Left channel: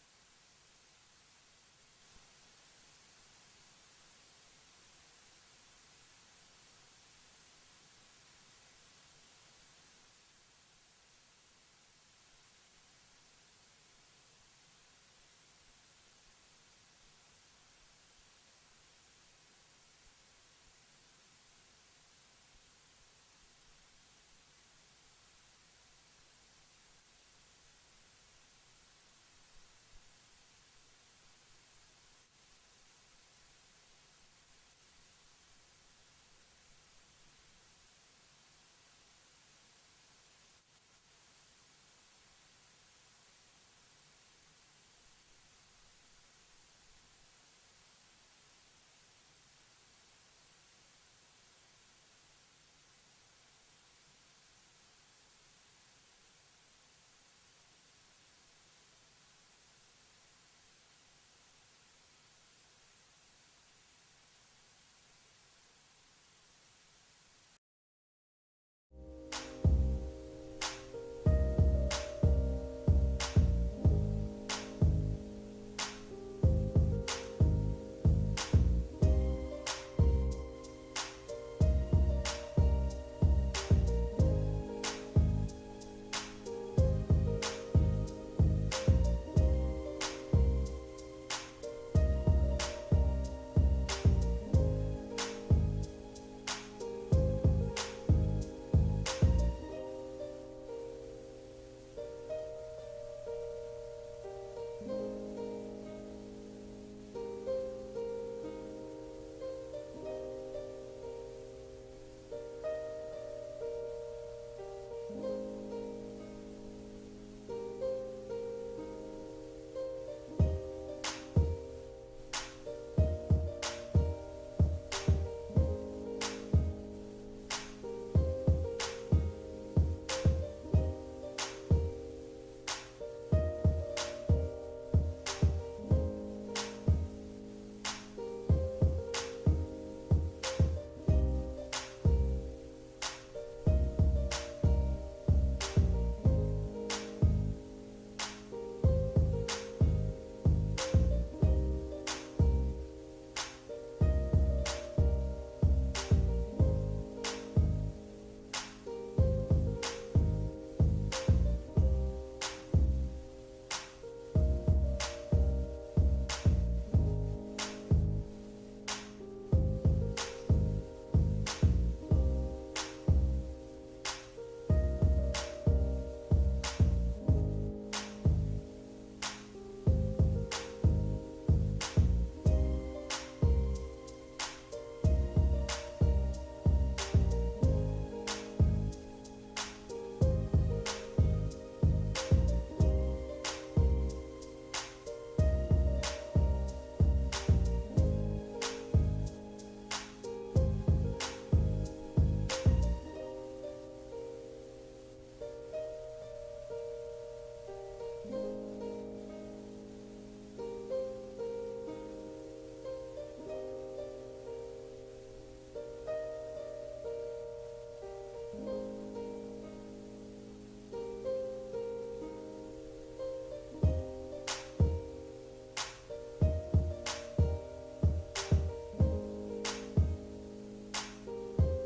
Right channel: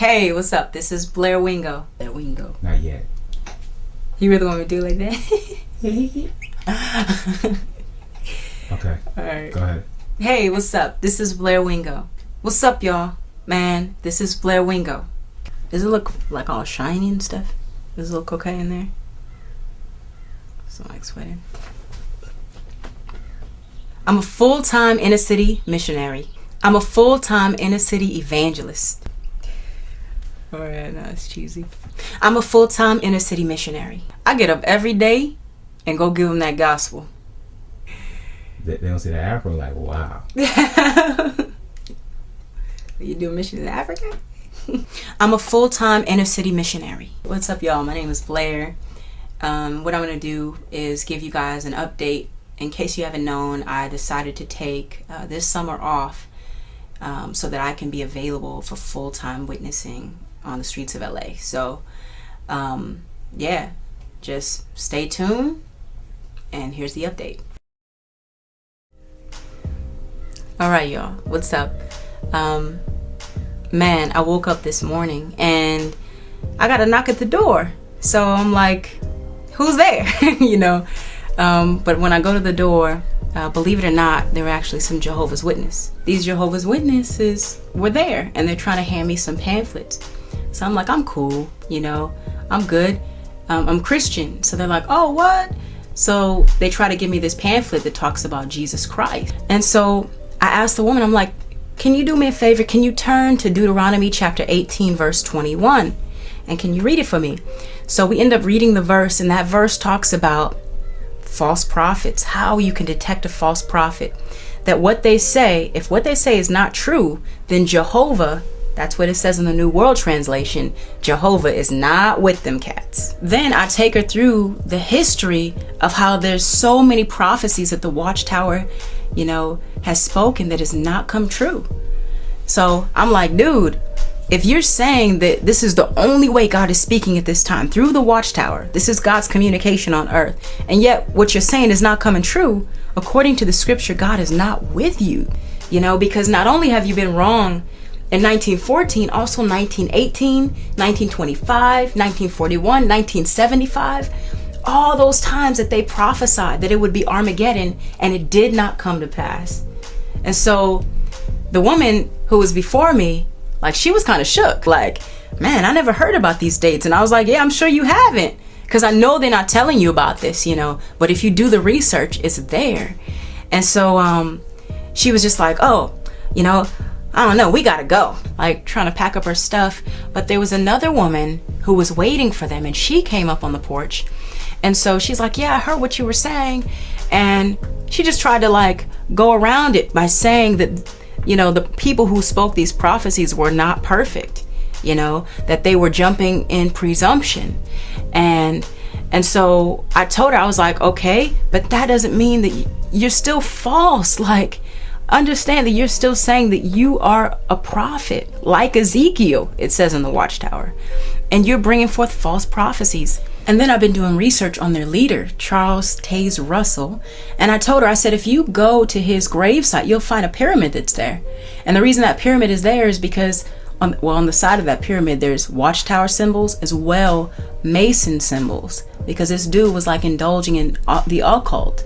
Hey, what's up? This is Blair Wingo. Blair Wingo. Not yet. You really want me to do it like that? Okay. Alright. Go ahead. Hey, what's up? This is Blair Wingo. What's up, y'all? Man, this is Blair Wingo. Does it look like all shiny and stuff? Does it look okay in there? It's not like sweating. I'm a full-time inner city missionary. I'm a full-time inner city evangelist. Alright, no, it's cheesy. I'm a full-time inner city missionary. I get up every day and go give them that gospel. They don't see the afro like, wow. You do a mission in Africa? I'm a full-time inner city missionary. What's up, y'all? My name is Blair. What I'm going to do is give you guys an update. In case you haven't known, I decided to take this summer off so that I can be available for full-time witnessing on the streets of LA. So, yeah, just stay tuned, and here's the update. All right, y'all, what's up? Man, I woke up this morning and I got a knock at the door. So I'm like, who's there? You know? But when I go to the door, believe it or not, there were actually some Jehovah's Witnesses. These Jehovah's Witnesses were there, and they're trying to hand me some pamphlets. So I'm like, I'm cool, you know, I'm good. I'm Christian. So they're like, oh, what? So they try to give me this pamphlet that talks about Jesus Christ. And so I asked the woman, I'm like, can you do me a favor? Can you turn to Deuteronomy chapter 18, verse 21? And can you read it for me? So we end up reading the verse, and that verse talks about false prophets, how you can detect a false prophet. That what they say, if what they say is not true, then Jehovah, that's what it says in the New World Translation, Jehovah is not with them cats. Then I take her through the history of how there's so many prophecies that the Watchtower, you know, has spoken that has not come true. So I'm like, dude, if you're saying that this is the only way God is speaking at this time, through the Watchtower, this is God's communication on earth, and yet what you're saying is not coming true, according to the scripture, God is not with you, you know, because not only have you been wrong in 1914, also 1918, 1925, 1941, 1975, all those times that they prophesied that it would be Armageddon, and it did not come to pass. And so the woman who was before me, like, she was kind of shook, like, man, I never heard about these dates. And I was like, yeah, I'm sure you haven't, because I know they're not telling you about this, you know, but if you do the research, it's there. And so she was just like, oh, you know, I don't know, we gotta go, like trying to pack up her stuff. But there was another woman who was waiting for them, and she came up on the porch. And so she's like, yeah, I heard what you were saying. And she just tried to like go around it by saying that, you know, the people who spoke these prophecies were not perfect, you know, that they were jumping in presumption. And so I told her, I was like, okay, but that doesn't mean that you're still false. Like, understand that you're still saying that you are a prophet, like Ezekiel, it says in the Watchtower, and you're bringing forth false prophecies. And then I've been doing research on their leader, Charles Taze Russell. And I told her, I said, if you go to his gravesite, you'll find a pyramid that's there. And the reason that pyramid is there is because on the side of that pyramid, there's Watchtower symbols as well, Mason symbols, because this dude was like indulging in the occult.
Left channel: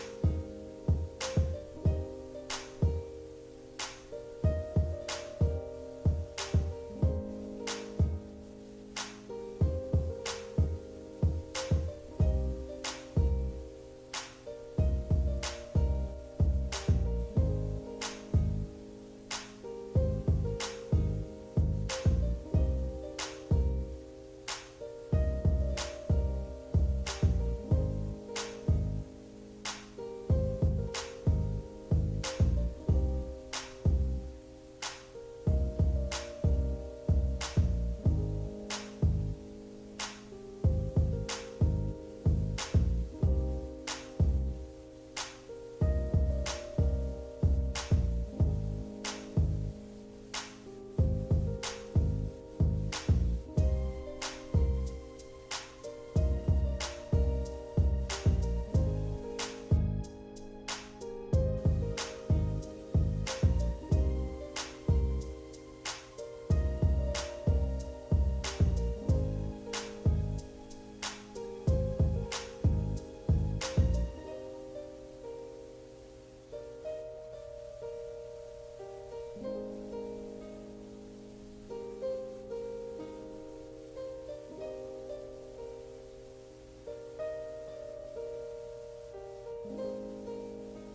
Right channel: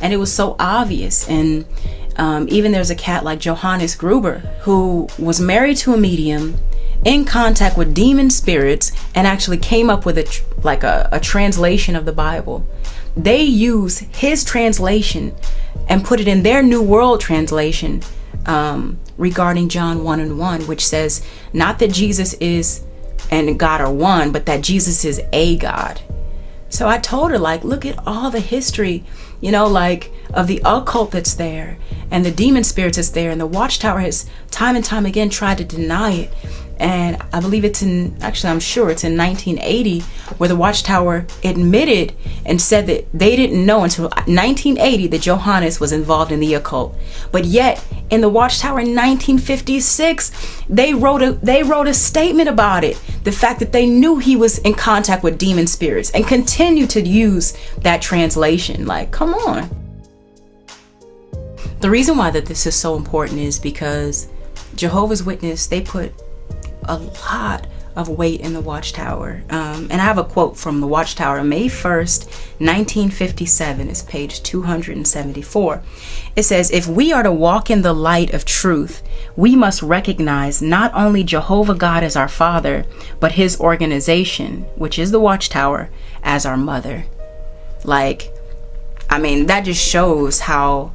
And it was so obvious. And even there's a cat like Johannes Gruber, who was married to a medium, in contact with demon spirits, and actually came up with a translation of the Bible. They use his translation and put it in their New World Translation regarding John 1:1, which says not that Jesus is and God are one, but that Jesus is a God. So I told her, like, look at all the history, you know, like of the occult that's there and the demon spirits that's there, and the Watchtower has time and time again tried to deny it. And I believe I'm sure it's in 1980 where the Watchtower admitted and said that they didn't know until 1980 that Johannes was involved in the occult. But yet in the Watchtower in 1956, they wrote a statement about it. The fact that they knew he was in contact with demon spirits and continue to use that translation. Like, come on. The reason why that this is so important is because Jehovah's Witness, they put a lot of weight in the Watchtower. And I have a quote from the Watchtower, May 1st, 1957. It's page 274. It says, "If we are to walk in the light of truth, we must recognize not only Jehovah God as our father, but his organization, which is the Watchtower, as our mother." Like, I mean, that just shows how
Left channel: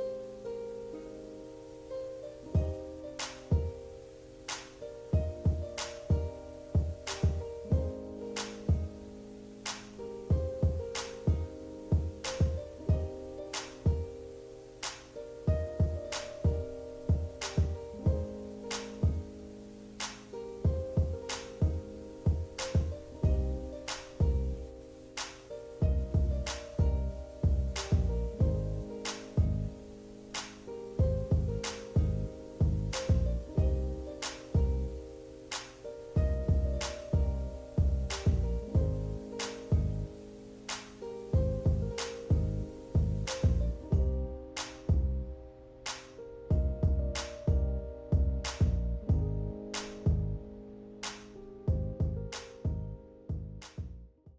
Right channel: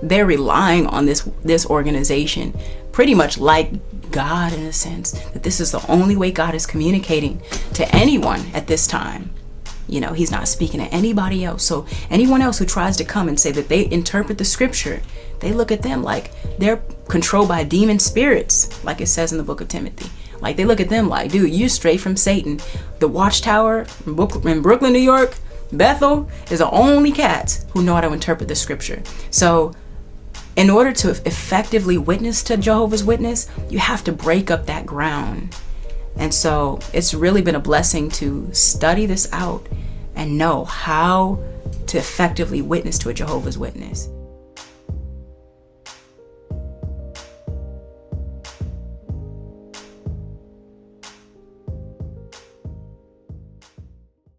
they're relying on this organization, pretty much like God, in a sense, that this is the only way God is communicating to anyone at this time. You know, he's not speaking to anybody else. So anyone else who tries to come and say that they interpret the scripture, they look at them like they're controlled by demon spirits, like it says in the book of Timothy. Like, they look at them like, dude, you straight from Satan. The Watchtower in Brooklyn, New York, Bethel, is the only cats who know how to interpret the scripture. So in order to effectively witness to Jehovah's Witness, you have to break up that ground. And so it's really been a blessing to study this out and know how to effectively witness to a Jehovah's Witness.